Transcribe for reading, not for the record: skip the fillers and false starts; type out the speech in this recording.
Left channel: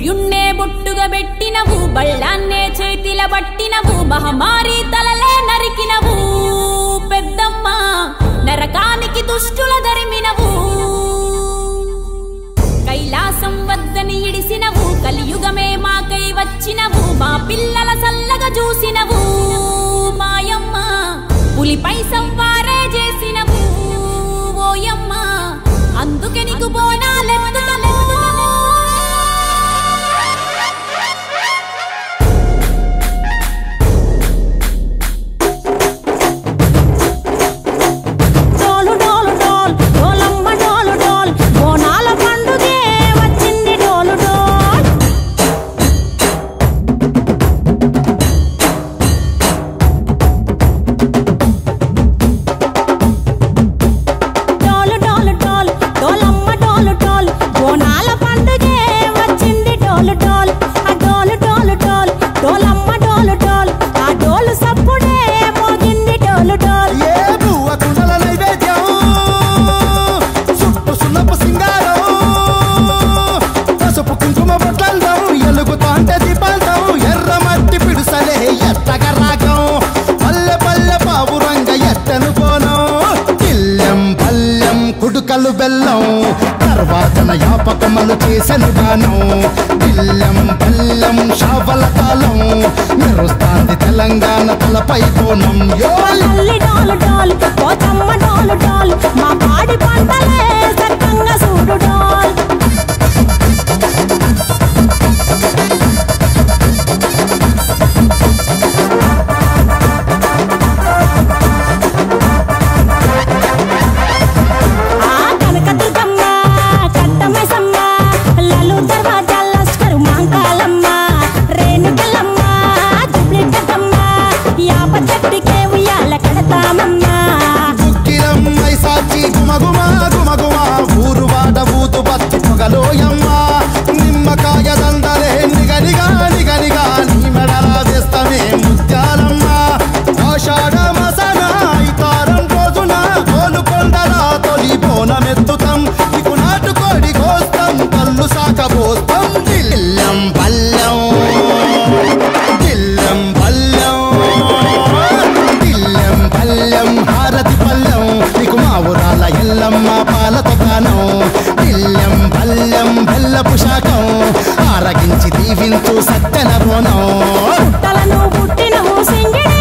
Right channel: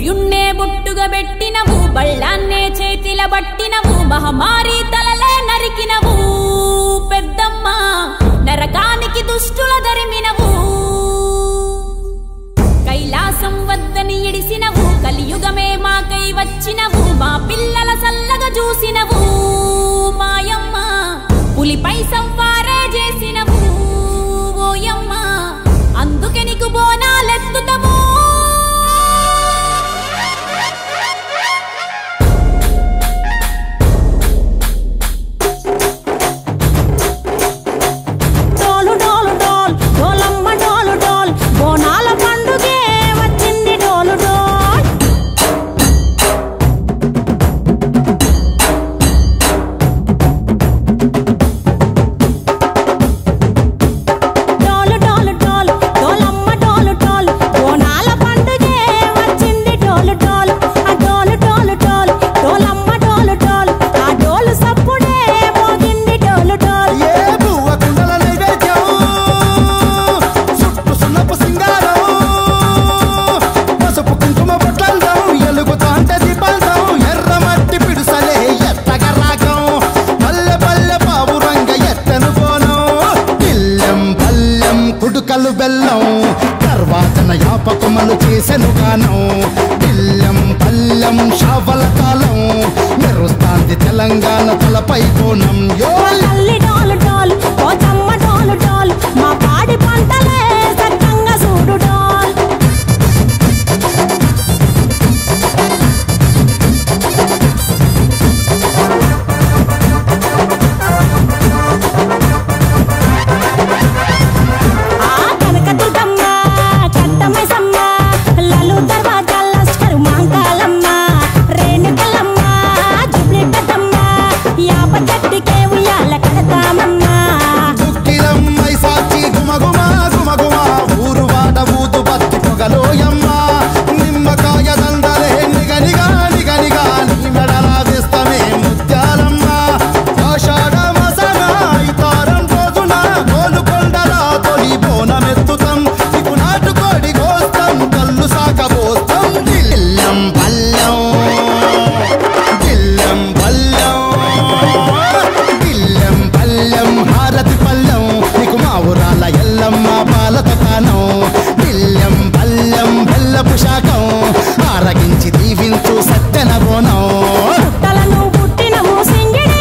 సూర్యున్నే బొట్టుగా పెట్టినవు బళ్ళాన్నే చేతిల పట్టినవు మహమారి తలలే నరికినవు పెద్దమ్మ నరకానికి దుష్టుల దరిమినవు కైలాసం వద్దని ఇడిసినవు కలియుగమే మాకై వచ్చినవు మా పిల్లల సల్లగా చూసినవు మాయమ్మ పులిపై సవ్వారే చేసినవు ఓయమ్మ అందుకే నీకు బోనాలెత్తుతము కుడుకలు బెల్లం తర్వాతన యాపకమలు చేసెను గానం బిల్లం పల్లం షావల తాళం మెరుస్తాంది తెలంగాణ తలపై బోనం మా పాడి పంటలే సక్కంగా చూడు డాల్ దుక్కిలమ్మై సాచి గుమగుమా గుమగుమా ఊరు వాడ ఊదు బత్తి పొగలోయమ్మ నిమ్మకాయ దండలే నిగనిగా నిగనిగా నీ మెడలా వేస్తమే ముత్యాలమ్మ ఆషాఢ మసన ఇతారం రోజున గోలుకొండలా తొలి బోనమెత్తుతాం నీకు నాటుకోడి కోస్తాం కళ్ళు సాకబోస్తాం దిల్లం పల్లెం దిల్లం పల్లెం పల్లెం హారతి పల్లెం నీకు మా ఊరాల ఎల్లమ్మ పాలతో కానం బిల్లం పల్లెం బెల్లపు శాఖం ఆరగించి దీవించు సత్తెన బోనం పుట్టలను పుట్టినవు సింగిడి